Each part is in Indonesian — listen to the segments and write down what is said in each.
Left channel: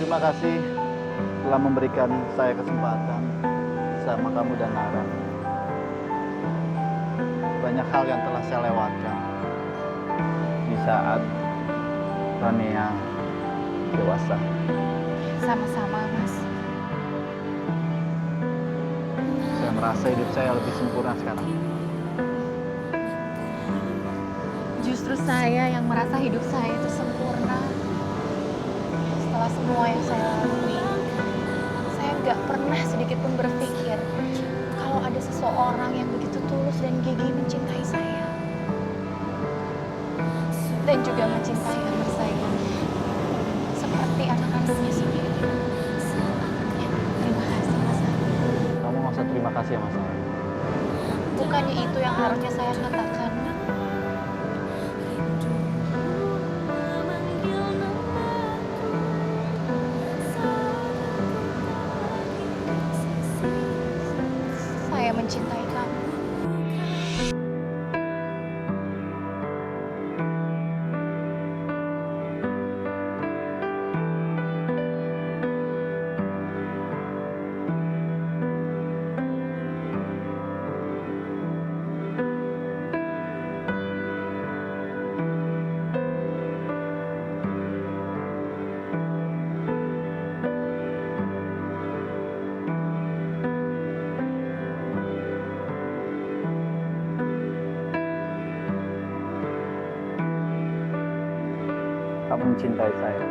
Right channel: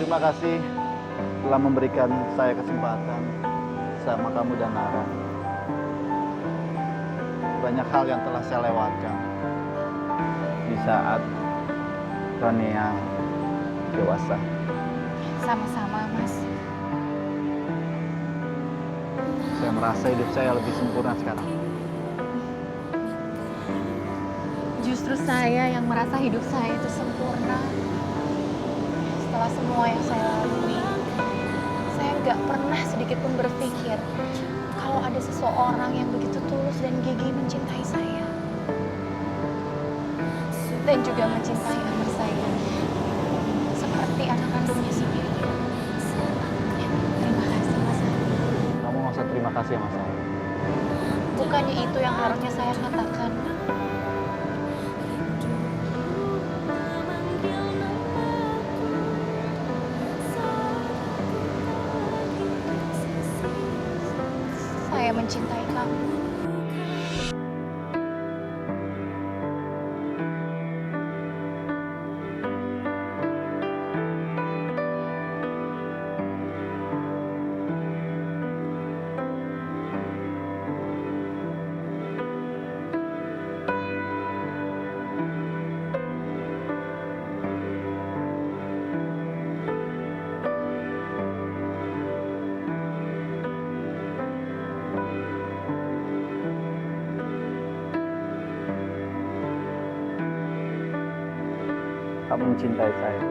terima kasih telah memberikan saya kesempatan sama kamu dan Nara. Banyak hal yang telah saya lewatkan di saat Rania dewasa. Sama-sama, Mas. Saya merasa hidup saya lebih sempurna sekarang. Justru saya yang merasa hidup saya itu sempurna. Setelah semua yang saya lalui, saya nggak pernah sedikit pun berpikir kalau ada seseorang yang begitu tulus dan gigih mencintai saya. Dan juga mencintai anak saya. Seperti anak kandungnya sendiri. Terima kasih, Mas Adi. Kamu nggak usah terima kasih sama saya. Bukannya itu yang harusnya saya katakan. Saya mencintai kamu. Kamu mencintai saya.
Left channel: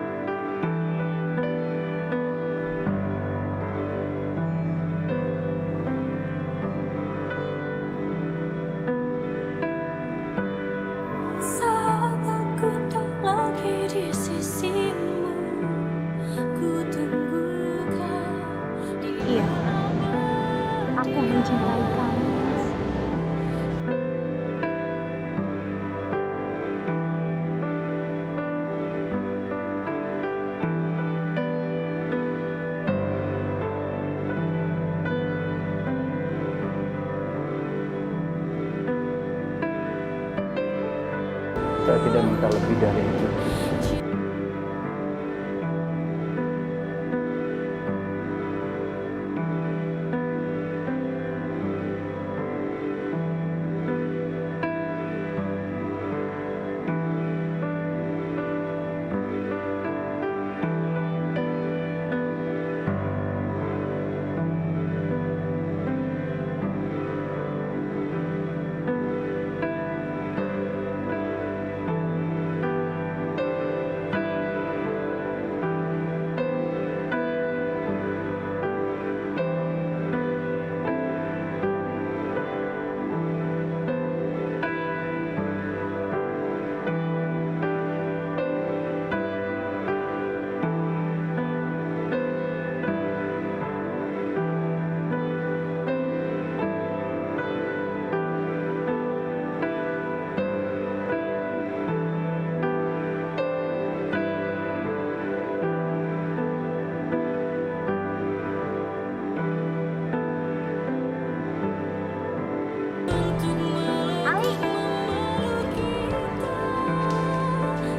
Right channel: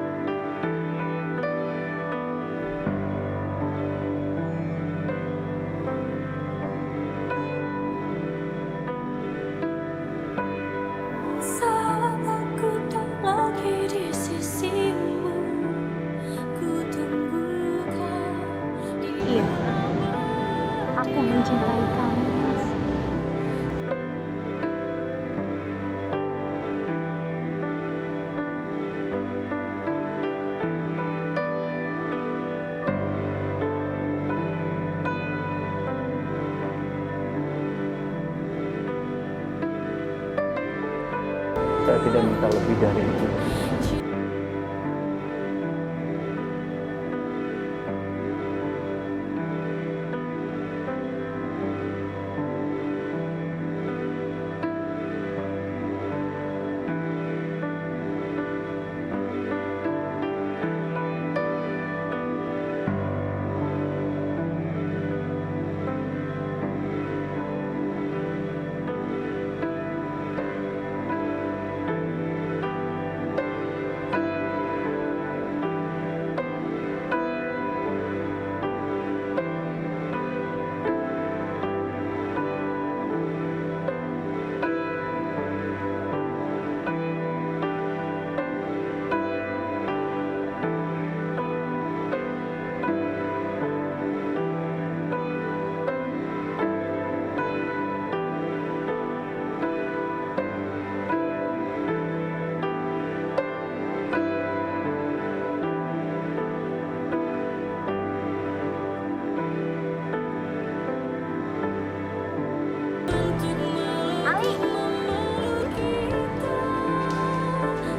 Saat aku tak lagi di sisimu, ku tunggu kau di Iya, aku mencintai kamu, Mas. Saya tidak minta lebih dari itu. Ali, memeluk kita,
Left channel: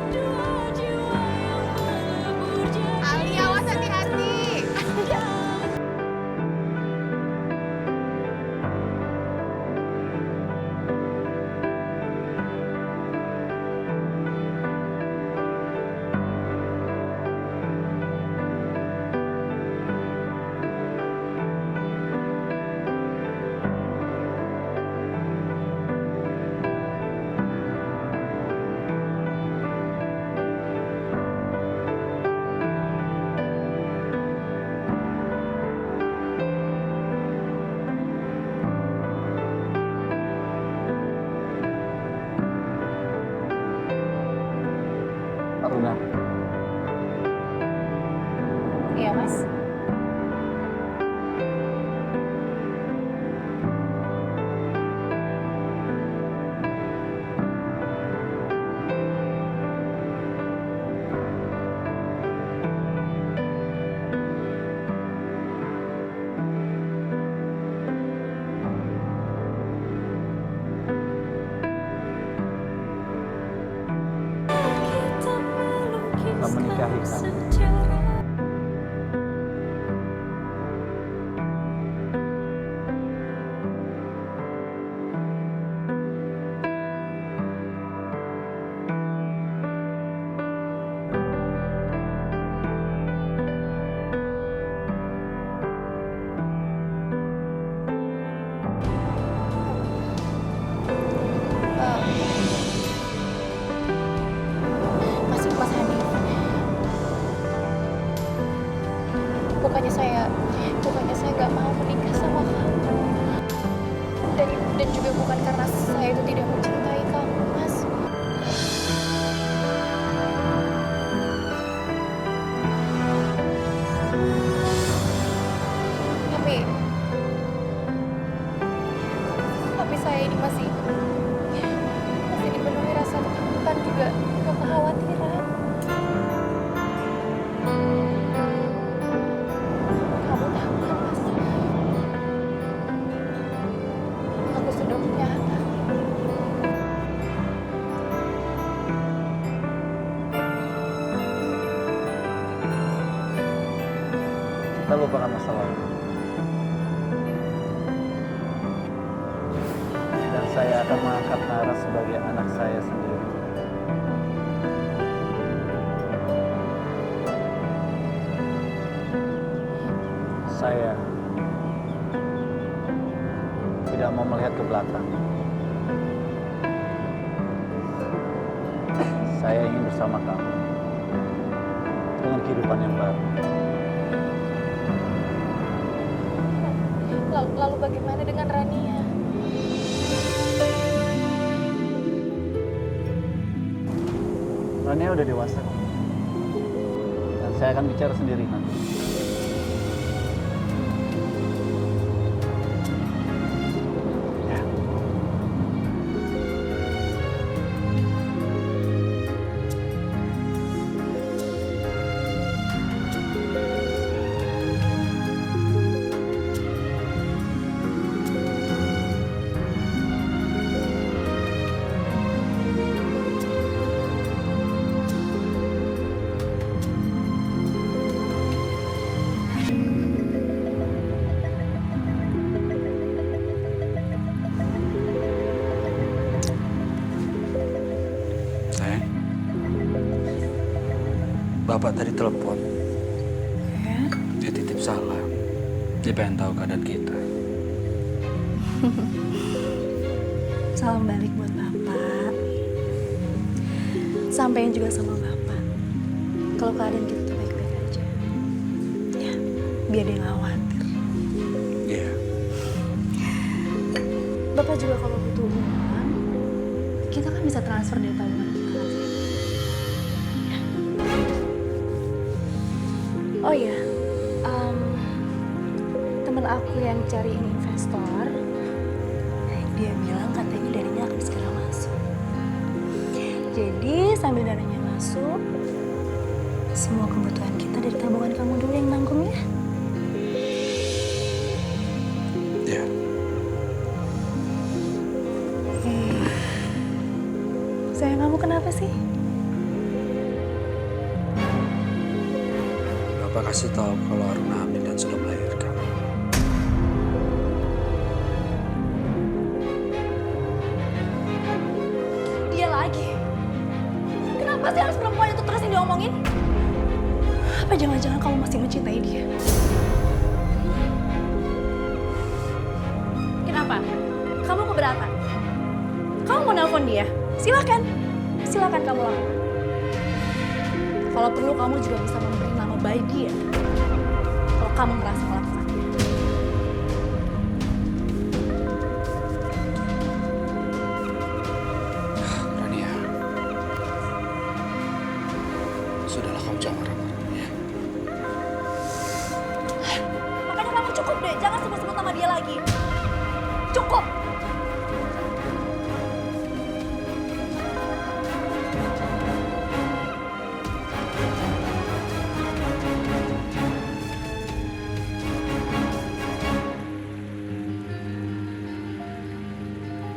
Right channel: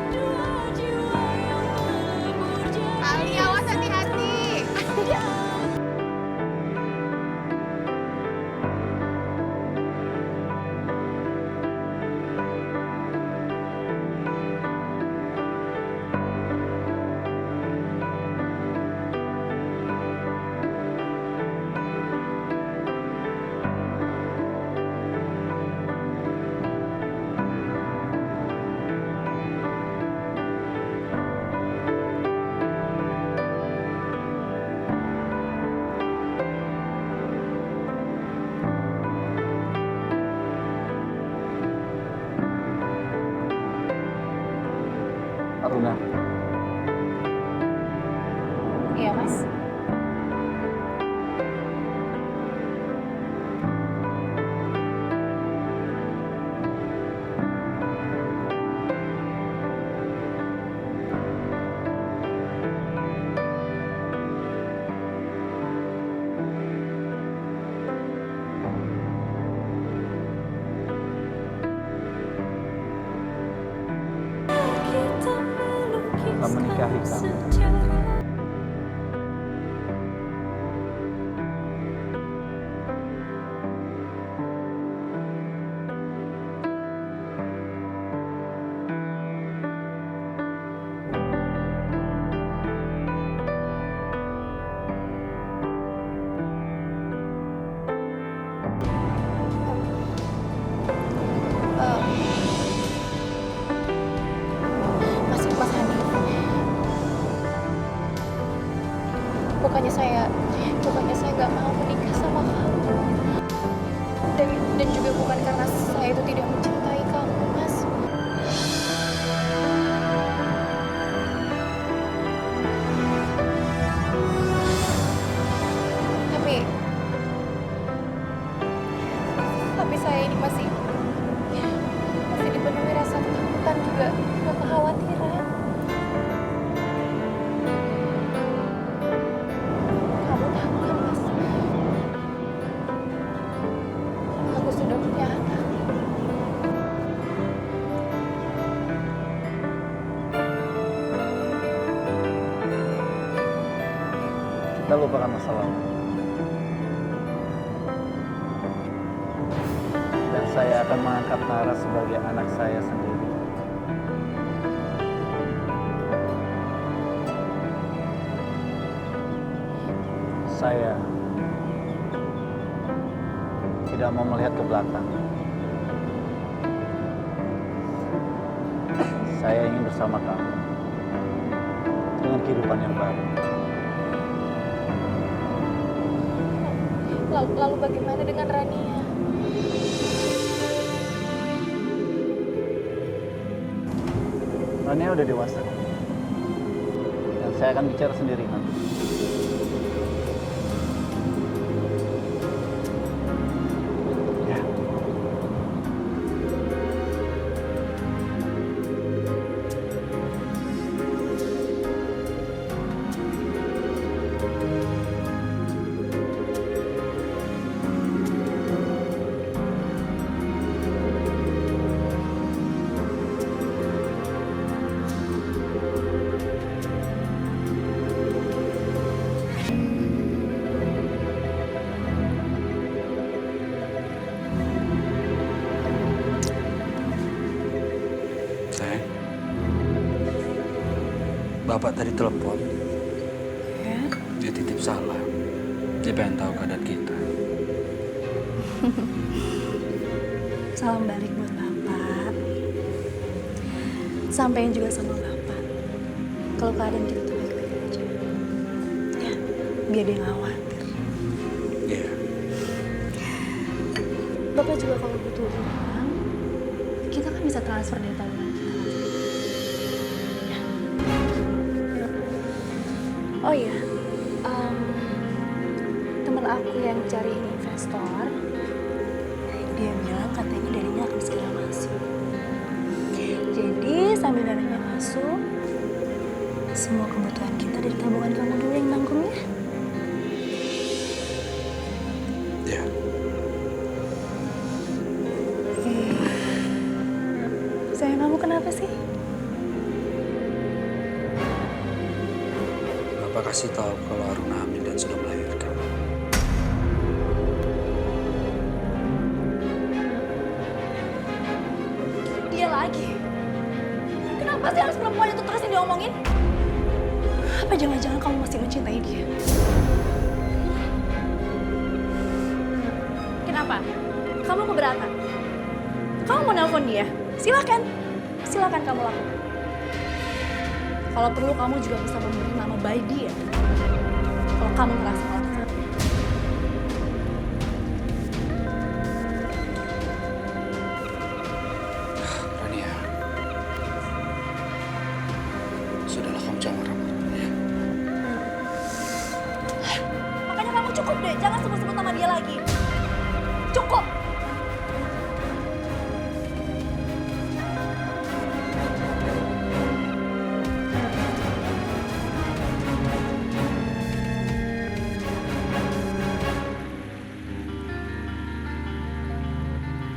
dua jiwa yang melebur jadi Ali, awas hati-hati. Aruna, Iya, Mas. kita melukiskan menikahi kamu. sejarah. Bukannya saya nggak mau menikah sama kamu. Dan juga bukan karena saya itu tidak mencintai kamu, Mas. Tapi saya ini masih dipenuhi rasa ketakutan juga kekhawatiran. Kamu tahu kan, Mas? Aku sudah punya anak. Kita lupakan masa lalu. Dan saya akan mengangkat Nara sebagai anak saya sendiri. Saya tidak mau melihat ke belakang. Saya ingin bersama kamu dengan kehidupan yang baru. Lalu bagaimana dengan Rania? Rania udah dewasa. Dan saya akan bicara sendiri nanti. Ya. Sayang, Bapak tadi telepon. Ya? Dia titip salam. Dia pengen tahu keadaan kita. Salam balik buat Bapak. Sampaikan juga sama Bapak. Kalau keadaan kita tuh baik-baik aja. Ya, biar dia nggak khawatir. Iya. Bapak juga kalau butuh uang, kita kan bisa transfer dari tabungan kita. Ya. Oh iya, temen aku yang cari ini investor, dia bilang katanya dananya akan segera masuk. Jadi sambil dananya masuk, semua kebutuhan kita dari tabungan kamu dulu yang nanggung ya. Iya. Sayang, kamu kenapa sih? Bapak kasih tahu kalau Aruna hamil dan sudah melahirkan. Dia lagi. Kenapa sih harus perempuan itu terus yang diomongin? Apa jangan-jangan kamu masih mencintai dia? Kenapa? Kamu keberatan? Kamu mau nelpon dia? Silakan. Silakan kamu lakukan. Kalau perlu kamu juga bisa memberi nama baik dia. Kalau kamu merasa melakukannya. Rania, sudahlah kamu jangan marah-marah ya. Makanya kamu cukup deh, jangan sebut-sebut nama dia lagi. Cukup.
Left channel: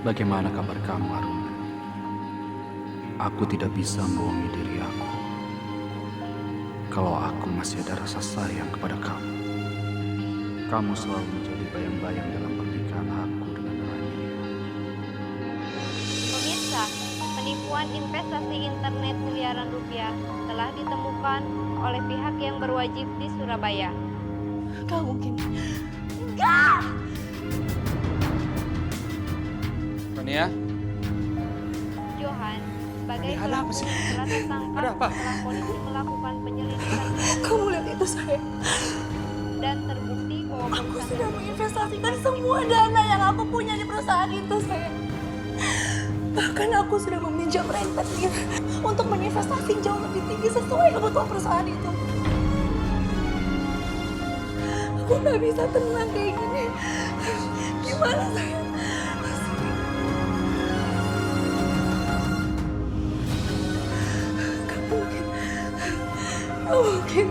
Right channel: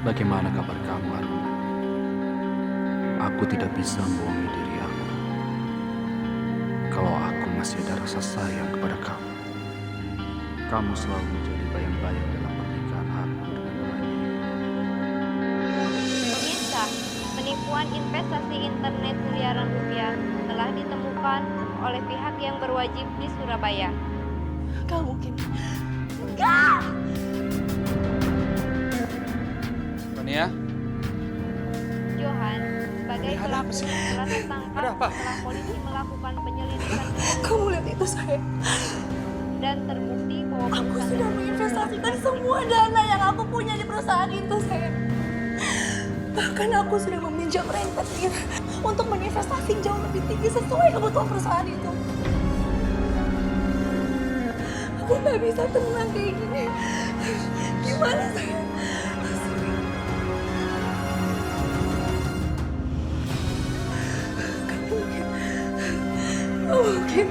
Bagaimana kabar kamu, Aruna? Aku tidak bisa membohongi diri aku. Kalau aku masih ada rasa sayang kepada kamu. Kamu selalu menjadi bayang-bayang dalam pernikahan aku dengan Rania. Pemirsa, penipuan investasi internet miliaran rupiah telah ditemukan oleh pihak yang berwajib di Surabaya. Gak mungkin. Enggak! Rania? Johan, sebagai Ada apa pelaku sih? telah tertangkap Ada apa? setelah polisi melakukan penyelidikan. Kamu lihat itu, saya. dan terbukti bahwa Aku perusahaan sudah tersebut menginvestasikan melakukan semua dana yang aku punya di perusahaan itu, sayang. Bahkan aku sudah meminjam rentenir untuk berinvestasi jauh lebih tinggi sesuai kebutuhan perusahaan itu. Aku nggak bisa tenang kayak gini. Gimana, sayang? Gak mungkin. Gak mungkin.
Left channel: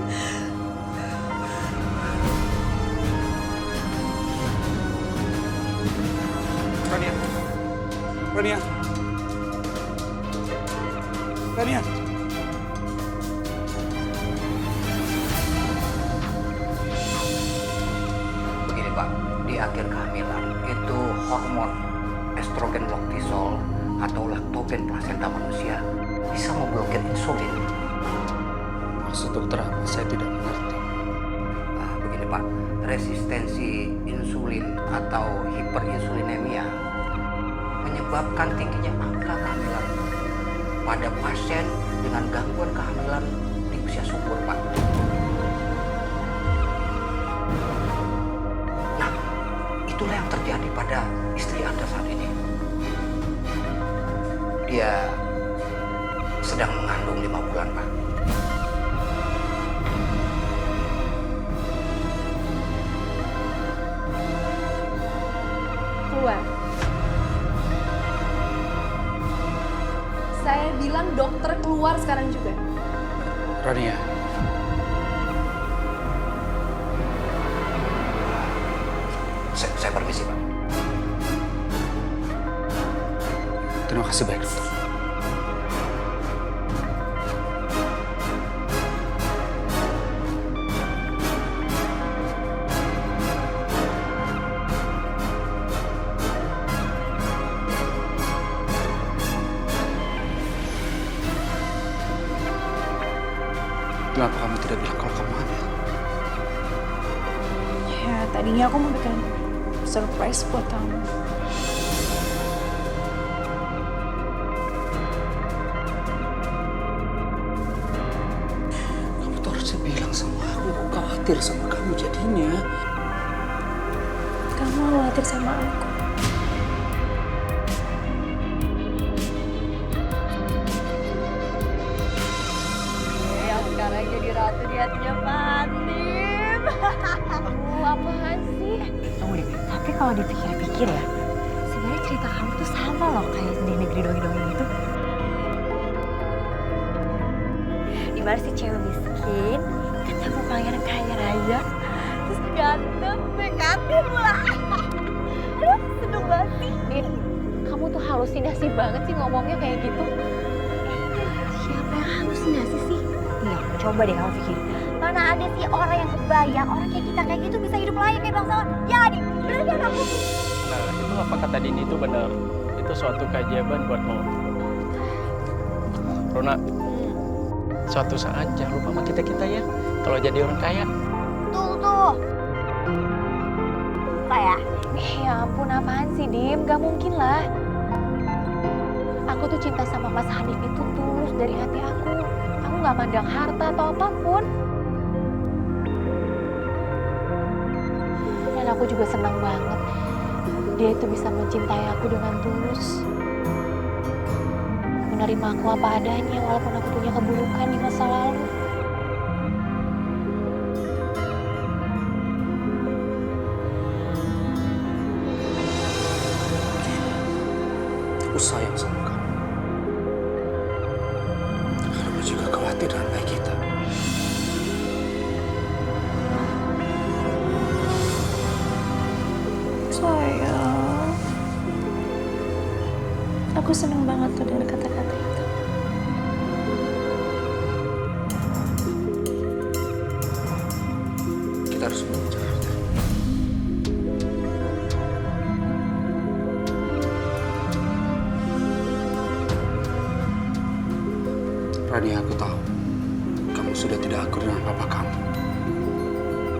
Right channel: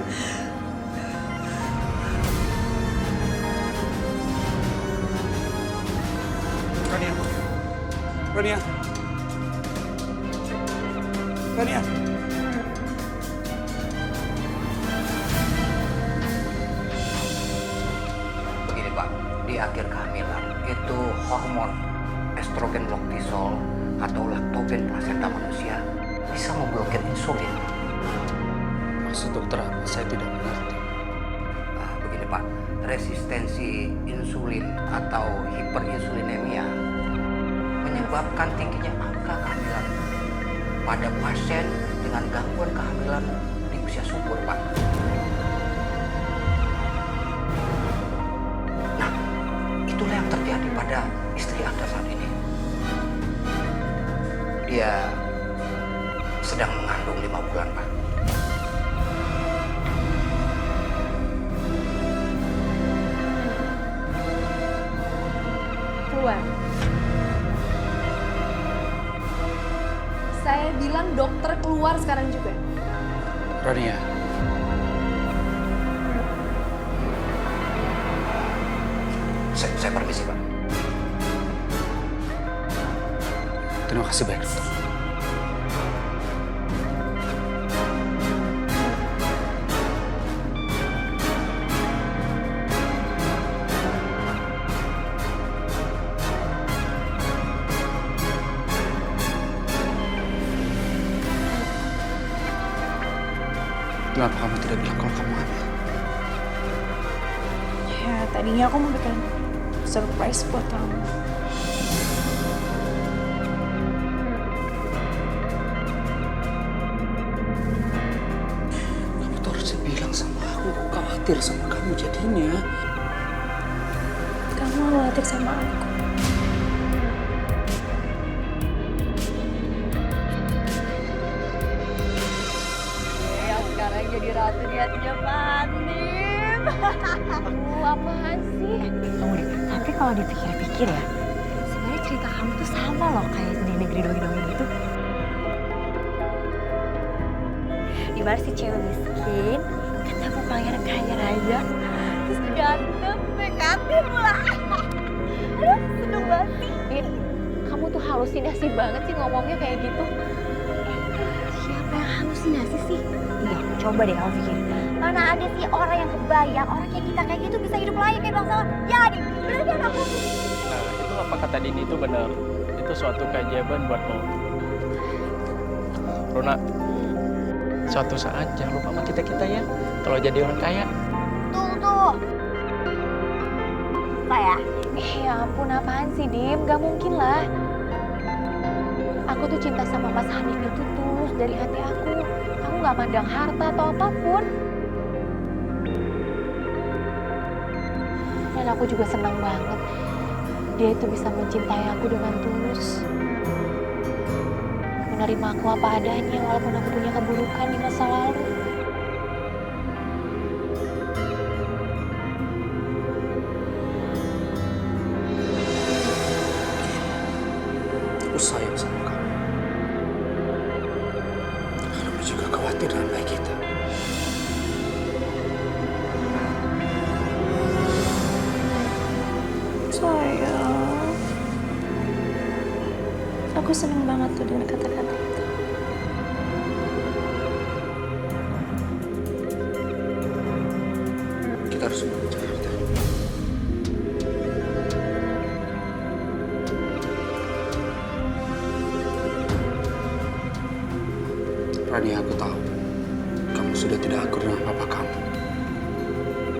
Rania. Rania. Rania. Begini Pak, di akhir kehamilan itu hormon estrogen lactosol atau laktogen plasenta manusia bisa memblokir insulin. Maksud dokter apa? Saya tidak mengerti. Begini Pak, resistensi insulin atau hiperinsulinemia menyebabkan tingginya angka kehamilan pada pasien dengan gangguan kehamilan di usia subur, Pak. Nah, itulah yang terjadi pada istri Anda saat ini. Dia sedang mengandung 5 bulan, Pak. Keluar. Saya bilang dokter keluar sekarang juga. Rania. Saya permisi, Pak. Terima kasih banyak, dokter. Kenapa kamu tidak bilang kalau kamu hamil? Ya, tadinya aku mau bikin surprise buat kamu. Kamu tuh harusnya bilang sama aku khawatir sama kamu jadinya. Kamu khawatir sama aku. Yang sekarang jadi ratu di hatinya Panim. Apaan sih? Tunggu deh, tapi kalau dipikir-pikir ya, sebenarnya cerita kamu tuh sama loh kayak di negeri dongeng-dongeng gitu. Dimana si cewek miskin ketemu pangeran kaya raya, terus ganteng, PKT pula. Aduh, seneng banget sih. Din, kamu tuh halusinasi banget sih ngomongnya kayak gitu. Siapa yang halusinasi sih? Iya, coba deh kamu pikirin. Mana ada sih orang yang kebayang, orang kayak kita kayak gitu bisa hidup layak kayak bangsawan. Ya, Din, bener kan aku? Nah, itu apa kata Dini itu benar. Itu suatu keajaiban buat lo. Rona, suatu saat jangan lupa sama kita-kita ya. Kalau jadi orang kaya. Tuh. Kayak? Ya ampun, apaan sih, Dim? Gak mungkin lah. Aku tuh cinta sama Mas Hanif itu tulus dari hati aku. Aku gak mandang harta atau apapun. Dan aku juga senang banget. Dia itu bisa mencintai aku dengan tulus. Menerima aku apa adanya walaupun aku punya keburukan di masa lalu. Aku sayang sama kamu. Karena aku juga khawatir dengan baik kita. Sayang. Aku seneng banget tuh dengan kata-kata itu. Kita harus pulang ke Jakarta. Rania, aku tahu kamu sudah tidak akur dengan papa kamu.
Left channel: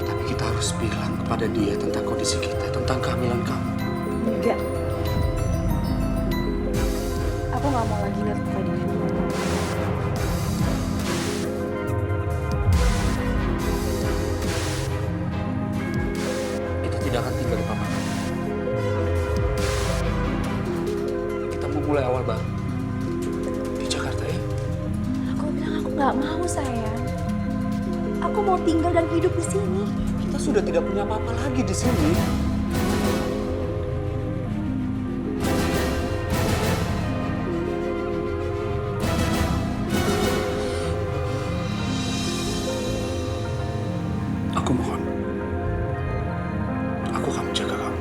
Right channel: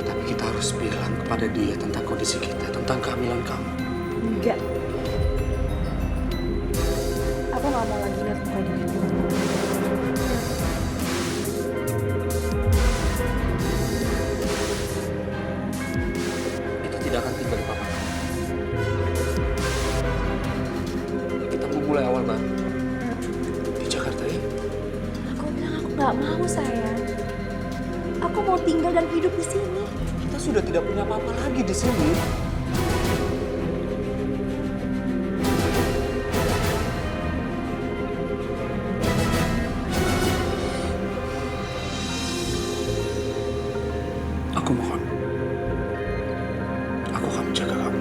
Tapi kita harus bilang kepada dia tentang kondisi kita, tentang kehamilan kamu. Enggak. Aku gak mau lagi lihat muka dia. tidak akan tinggal di Pamangan. Kita mau mulai awal baru di Jakarta ya. Aku bilang aku nggak mau sayang. Aku mau tinggal dan hidup di sini. Kita sudah tidak punya apa-apa lagi di sini. Aku mohon, aku akan menjaga kamu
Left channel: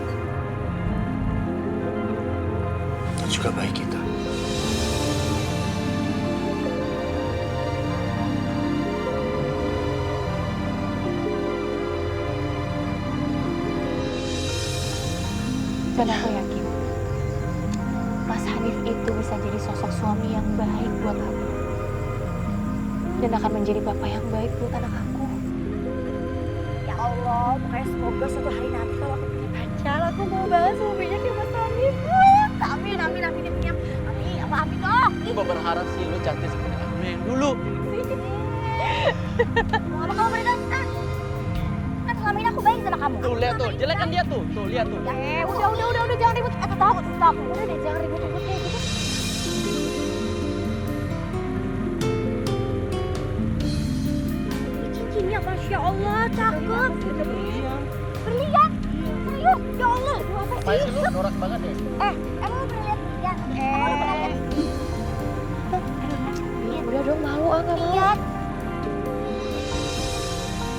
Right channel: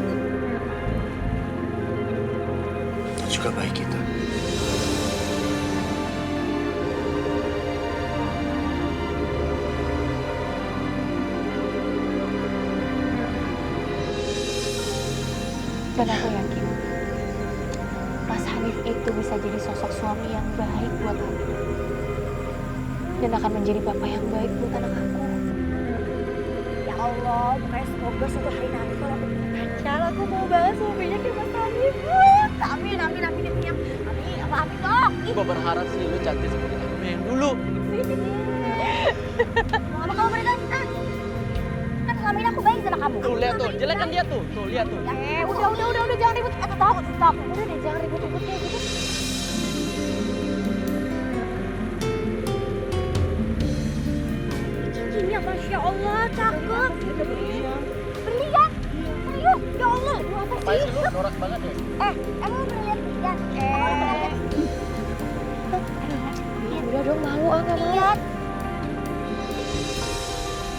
dan juga baik kita. Dan aku yakin Mas Hanif itu bisa jadi sosok suami yang baik buat aku. Dan akan menjadi bapak yang baik buat anak aku. Ya Allah, pokoknya semoga suatu hari nanti kalau aku punya pacar, aku mau banget suaminya kayak Mas Hanif. Amin, amin, amin, amin, amin, apa amin dong. Gue berharap sih lu cantik seperti Ame yang dulu. Apa kamu berikan? Kan selama ini aku baik sama kamu. Tuh lihat tuh, jelek kan dia tuh. Tuh lihat tuh. Udah, jangan ribut. Stop. Udah deh, jangan ribut-ribut kayak gitu. Cincinnya Masya Allah, cakep. Berlian? Serius? Ya Allah, lu apa Apa sih? sih lu norak banget ya? Emang lu berlian? Udah dong, malu nggak mau. Lihat.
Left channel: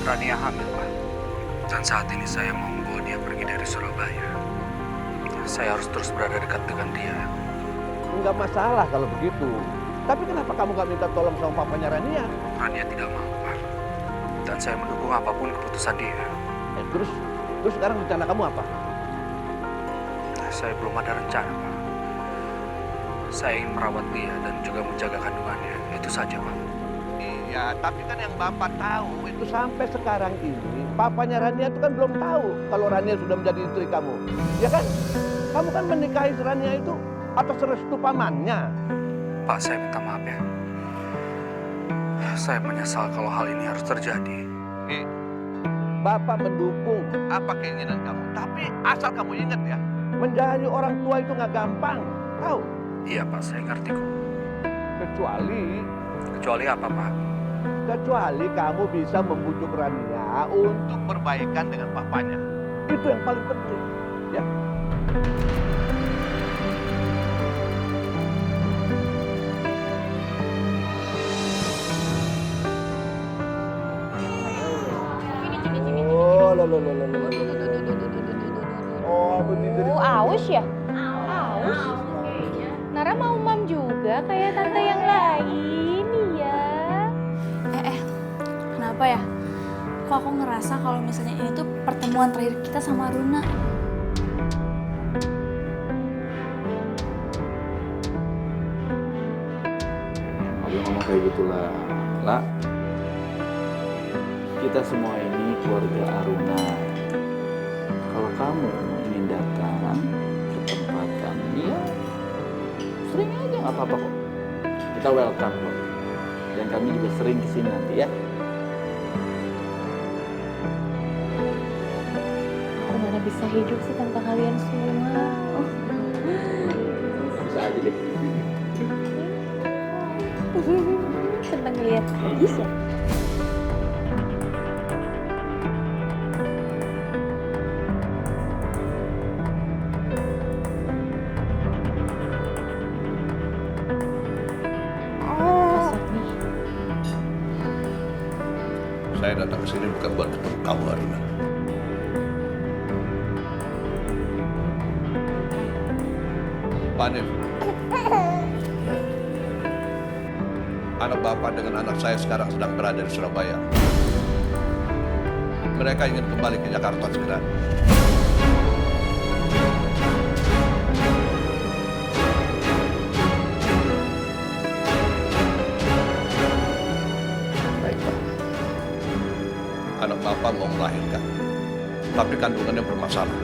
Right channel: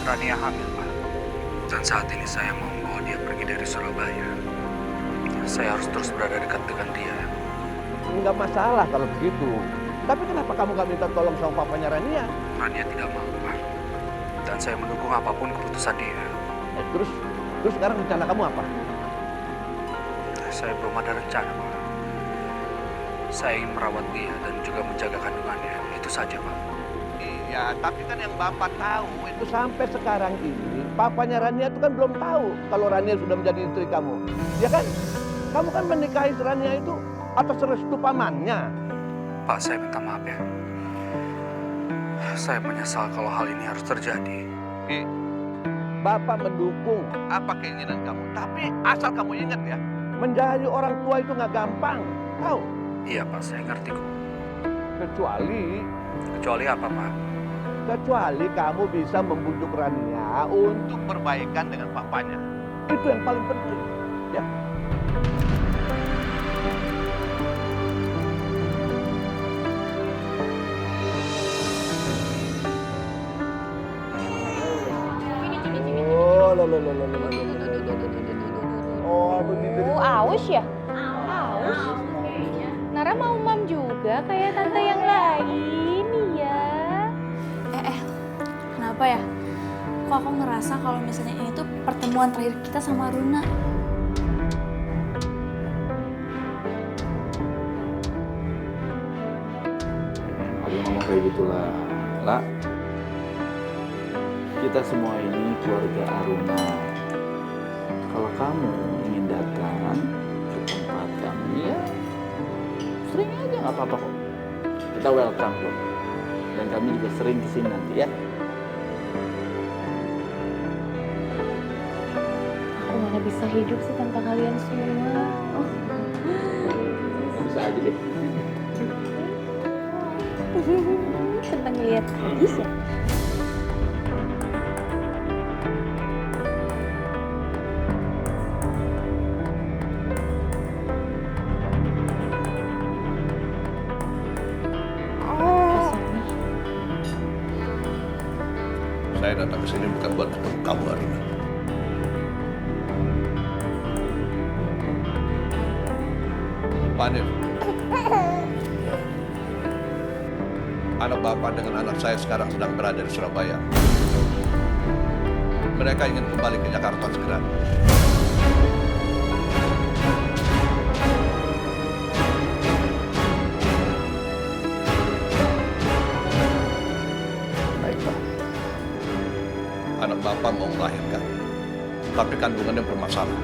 Rania hamil, Pak. Dan saat ini saya mau membawa dia pergi dari Surabaya. Saya harus terus berada dekat dengan dia. Enggak masalah kalau begitu. Tapi kenapa kamu gak minta tolong sama papanya Rania? Rania tidak mau, Pak. Dan saya mendukung apapun keputusan dia. Terus sekarang rencana kamu apa? Saya belum ada rencana, Pak. Saya ingin merawat dia dan juga menjaga kandungannya. Itu saja, Pak. Iya, tapi kan yang Bapak tahu itu sampai sekarang ini papanya Rania itu kan belum tahu kalau Rania sudah menjadi istri kamu. Ya kan? Kamu kan menikahi Rania itu atas restu pamannya. Pak, saya minta maaf ya. Saya menyesal kalau hal ini harus terjadi. Bapak mendukung apa keinginan kamu. Tapi asal kamu ingat ya, menjadi orang tua itu nggak gampang. Tahu? Iya, Pak, saya ngerti kok. Kecuali apa, Pak? Kecuali kamu bisa membujuk Rania untuk berbaikan dengan papanya. Itu yang paling penting. Ya. Aus ya? Aus? Nara mau mam juga kayak tante yang lain ya. Kenapa ya? Kok aku ngerasa kalau misalnya ini tuh pertemuan terakhir kita sama Runa. Kalau ngomong kayak gitulah, lah. Kita semua ini keluarga Aruna. Kalau kamu ingin datang ke tempat kami, ya sering aja, nggak apa-apa kok. Kita welcome kok. Dan kami juga sering kesini nanti ya. Aku mana bisa hidup sih tanpa kalian semua. Bisa aja deh. Seneng ngeliat Ajis ya. Saya datang ke sini bukan buat ketemu kamu, Aruna. Pak Hanif. Anak Bapak dengan anak saya sekarang sedang berada di Surabaya. Mereka ingin kembali ke Jakarta segera. Baik, Pak. Anak Bapak mau melahirkan, tapi kandungannya bermasalah.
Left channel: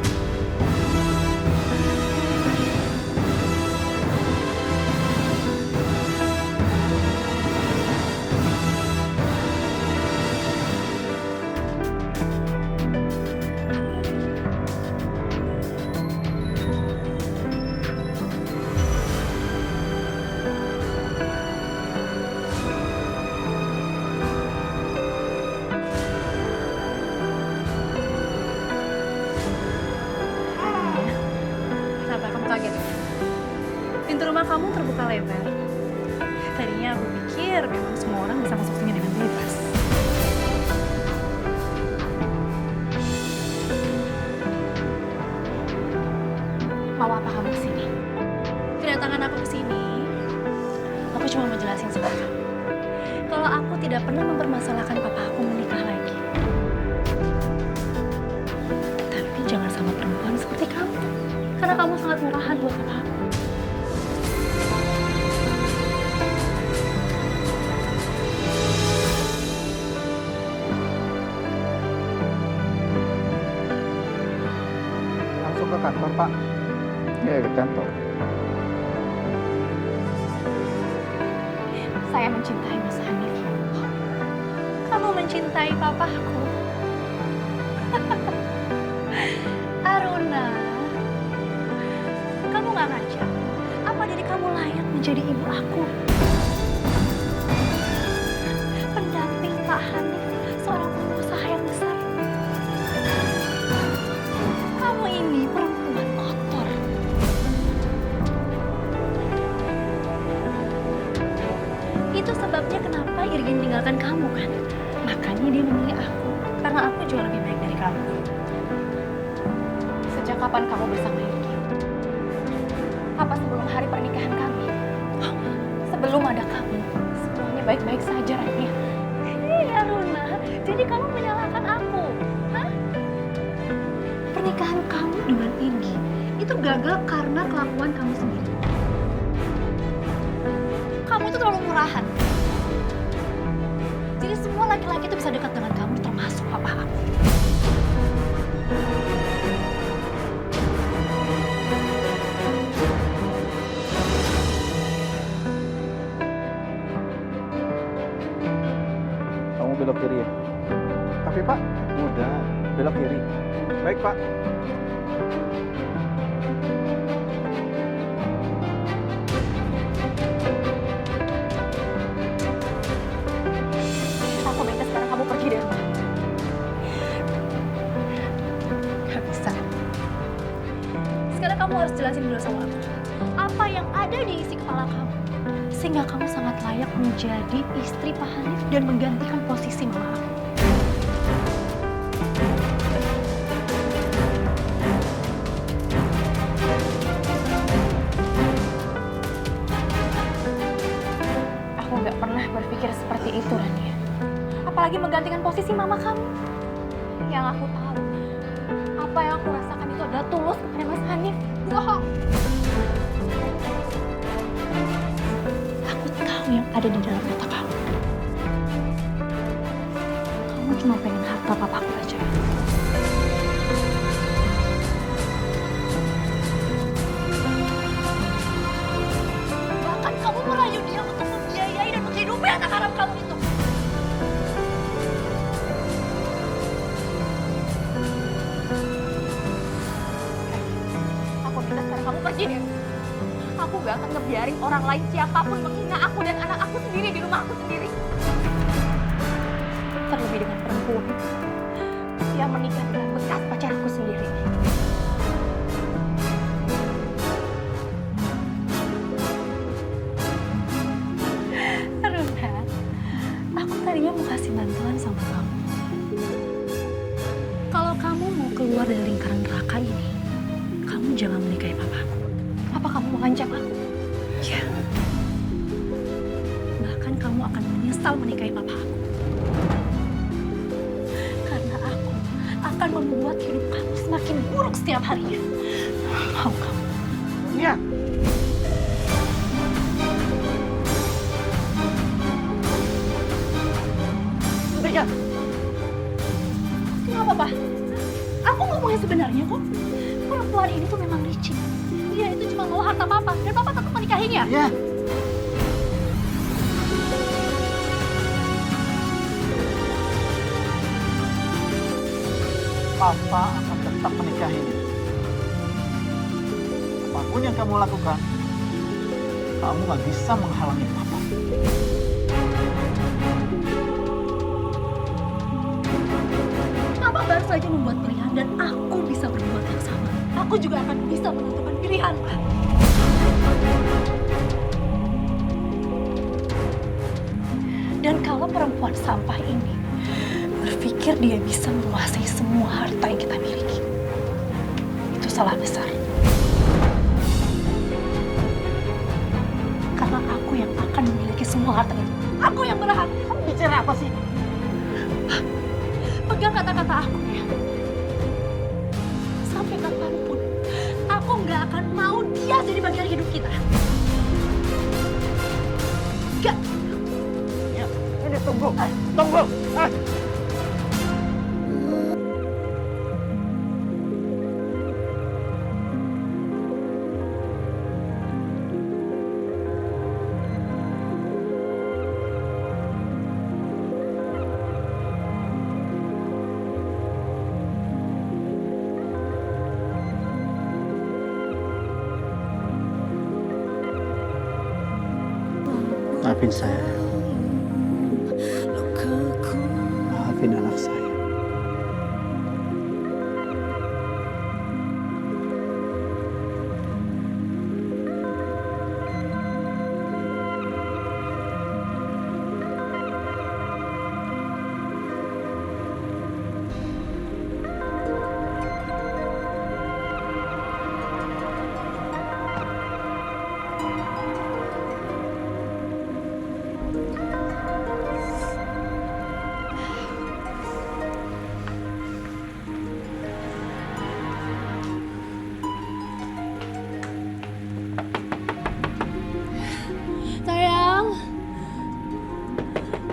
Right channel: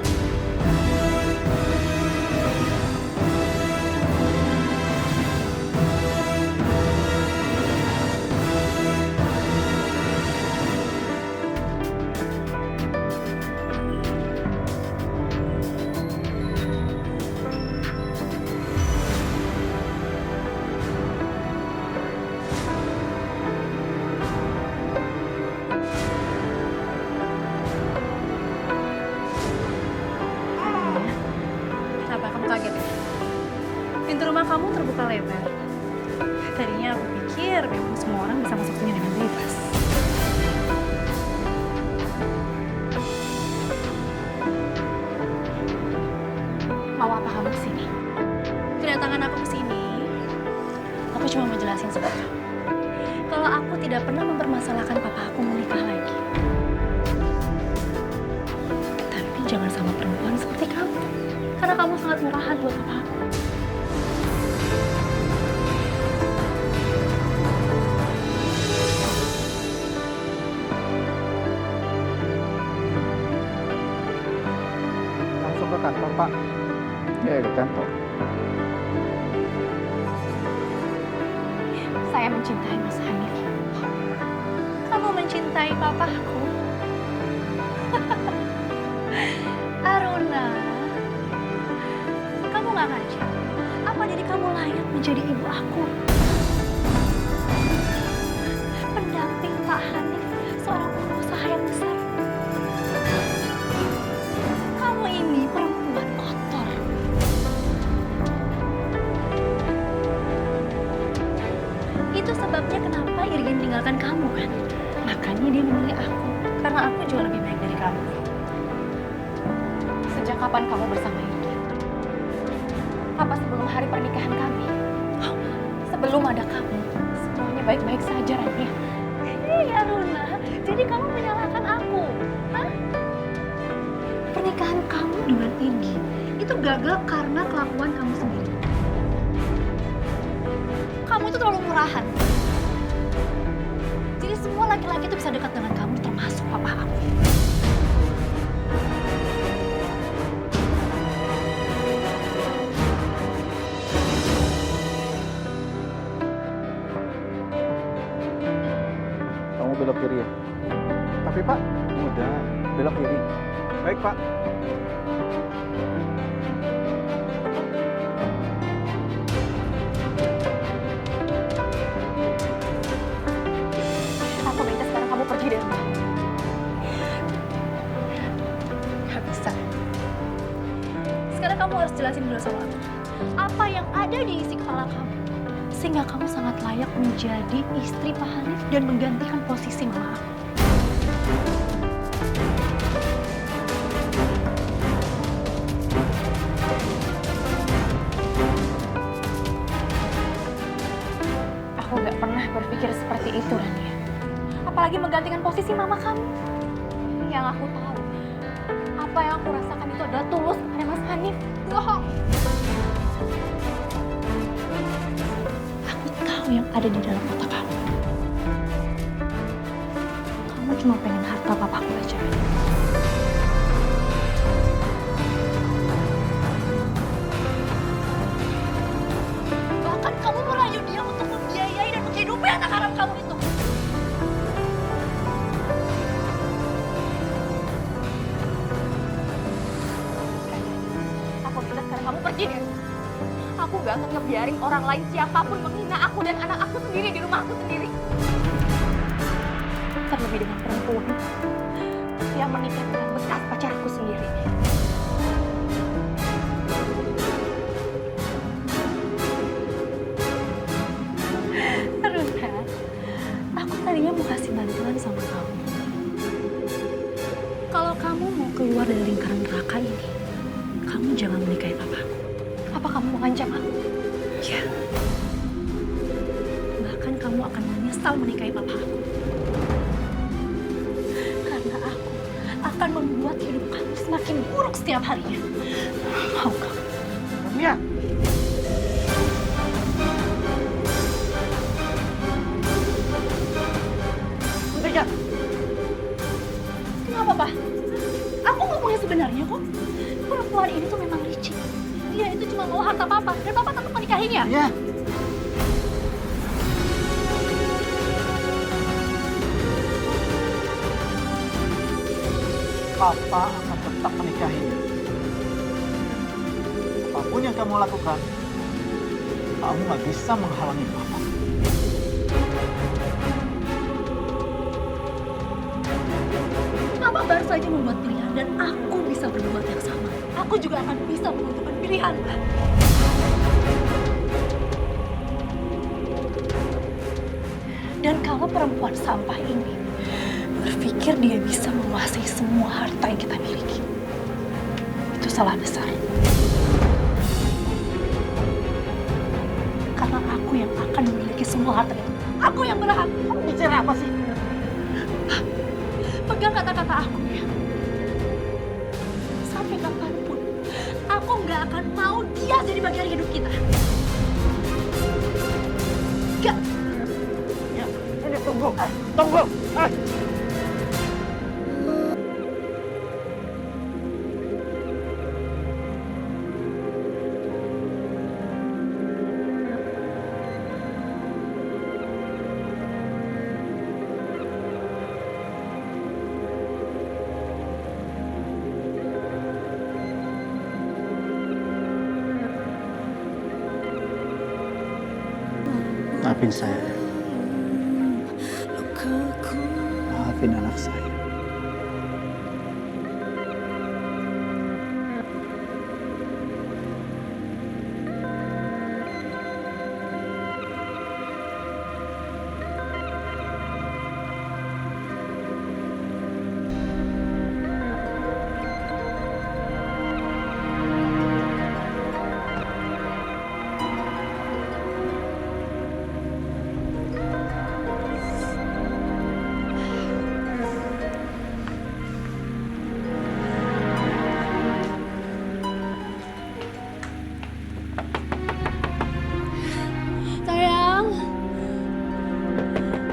Kaget ya? Pintu rumah kamu terbuka lebar. Tadinya aku pikir memang semua orang bisa masuk sini dengan bebas. Mau apa kamu kesini? Kedatangan aku ke sini, aku cuma mau jelasin sama kamu. Kalau aku tidak pernah mempermasalahkan papa aku menikah lagi. Tapi jangan sama perempuan seperti kamu. Karena kamu sangat murahan buat papa aku. Langsung ke kantor, Pak. Ya, ke kantor. Saya mencintai Mas Hanif. Kamu mencintai papaku. Aruna, kamu gak ngaca? Apa diri kamu layak menjadi ibu aku? Pendamping Pak Hanif, seorang pengusaha yang besar. Kamu ini perempuan kotor. Itu sebabnya kenapa Irgin meninggalkan kamu kan? Makanya dia memilih aku, karena aku jauh lebih baik dari kamu. Sejak kapan kamu bersama Irgi? Apa sebelum hari pernikahan kami? Sebelum ada kamu, semuanya baik-baik saja, Rania. Hei Aruna, jadi kamu menyalahkan aku? Hah? Pernikahan kamu dengan Irgi itu gagal karena kelakuan kamu sendiri. Kamu itu terlalu murahan. Jadi semua laki-laki itu bisa dekat dengan kamu, termasuk papa aku. Kamu belok kiri ya? Tapi, Pak. Udah, belok kiri. Baik, Pak. Aku minta sekarang kamu pergi dari rumah. Gak bisa. Sekarang kamu harus jelasin dulu sama aku. Apa yang ada di isi kepala kamu? Sehingga kamu sangat layak menjadi istri Pak Hanif dan menggantikan posisi mama aku. Aku nggak pernah berpikir seperti itu, Rania. Apalagi menggantikan posisi mama kamu. Yang aku tahu, apa yang aku rasakan itu adalah tulus kepada Mas Hanif. Bohong. Aku tahu yang ada di dalam otak kamu. Kamu cuma pengen harta papaku aja. Bahkan kamu merayu dia untuk membiayai dan menghidupi anak haram kamu itu. Aku minta sekarang kamu pergi dari rumah. Aku gak akan ngebiarin orang lain siapapun menghina aku dan anak aku sendiri di rumah aku sendiri. Terlebih dengan perempuan yang menikah dengan bekas pacar aku sendiri. Aruna, aku tadinya mau kasih bantuan sama kamu. Kalau kamu mau keluar dari lingkaran neraka ini, kamu jangan menikahi papaku. Apa kamu mengancam aku? Ya. Bahkan kamu akan menyesal menikahi papa aku. Karena aku akan membuat hidup kamu semakin buruk setiap harinya. Mau kamu? Rania! Hentikan! Kenapa, Pak? Aku ngomong yang sebenarnya kok. Perempuan ini tuh memang licik. Dia itu cuma mau harta papa, dan papa tetap menikahinya. Iya. Papa akan tetap menikahinya. Apapun yang kamu lakukan, kamu nggak bisa menghalangi Papa. Papa baru saja membuat pilihan dan aku bisa berbuat yang sama. Aku juga akan bisa menentukan pilihan, Pak. Dan kalau perempuan sampah ini berpikir dia bisa menguasai semua harta yang kita miliki, itu salah besar. Karena aku yang akan memiliki semua harta itu. Aku yang berhak. Kamu bicara apa sih? Pegang kata-kata aku ya. Sampai kapanpun, aku nggak akan mau dia jadi bagian hidup kita. Gak. Ya, ini tunggu. Tunggu. Maafin saya. Maafin anak saya.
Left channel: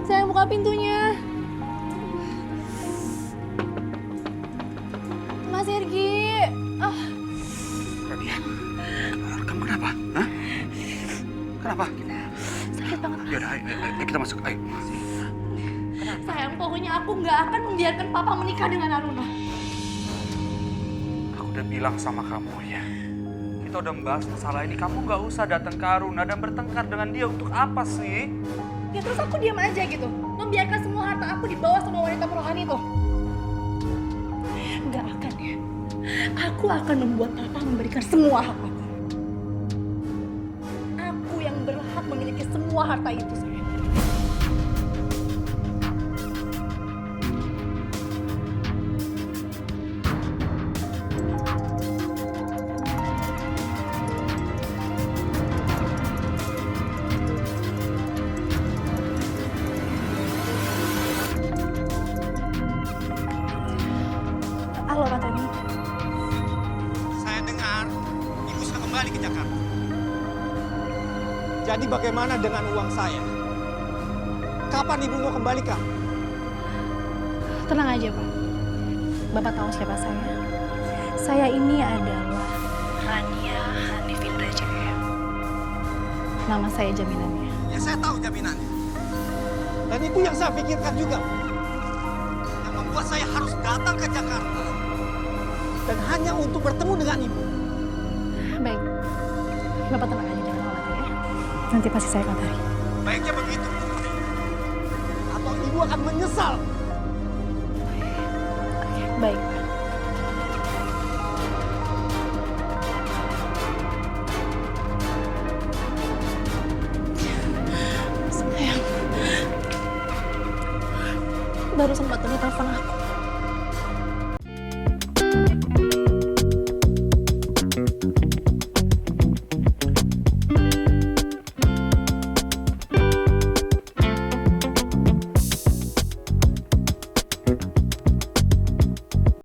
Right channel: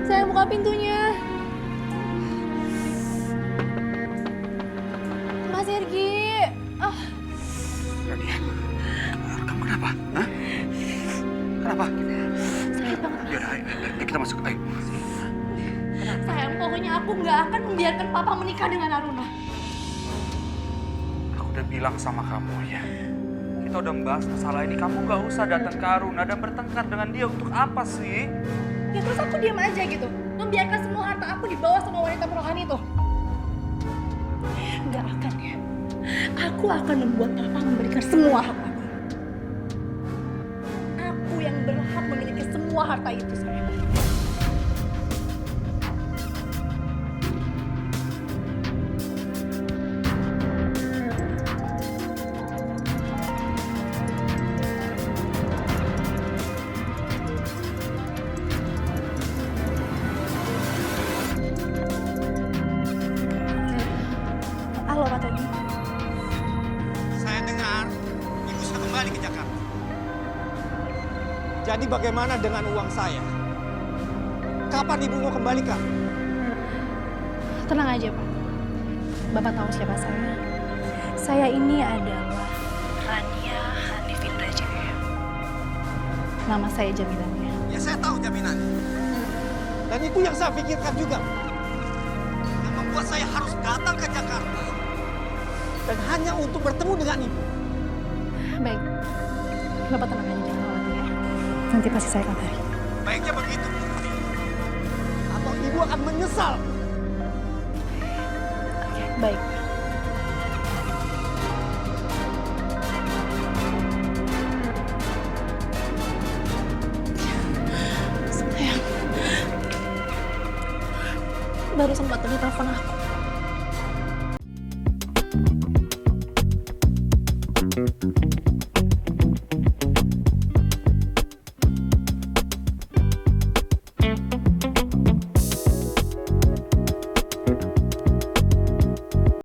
Sayang, buka pintunya. Mas Sergi. Rania, kamu kenapa? Hah? Kenapa? Sakit banget. Yaudah, ayo kita masuk. Ayo. Sayang, pokoknya aku nggak akan membiarkan Papa menikah dengan Aruna. Aku udah bilang sama kamu ya. Kita udah membahas masalah ini. Kamu nggak usah datang ke Aruna dan bertengkar dengan dia. Untuk apa sih? Ya terus aku diam aja gitu, membiarkan semua harta aku dibawa sama wanita puluhan itu. Nggak akan ya. Aku akan membuat Papa memberikan semua hak aku. Aku yang berhak memiliki semua harta itu, sayang. Halo, Pak Tony. Saya dengar ibu sudah kembali ke Jakarta. Jadi bagaimana dengan uang saya? Kapan ibu mau kembalikan? Tenang aja, Pak. Bapak tahu siapa saya? Saya ini adalah Rania Hanifindra Jaya. Nama saya jaminannya. Ya saya tahu jaminannya. Dan itu yang saya pikirkan juga. Yang membuat saya harus datang ke Jakarta. Dan hanya untuk bertemu dengan ibu. Baik. Bapak tenang aja, jangan khawatir ya. Nanti pasti saya kabari. Baiknya begitu. Atau ibu akan menyesal. Oke, baik, Pak. Sayang. Baru sempat Tony telepon aku.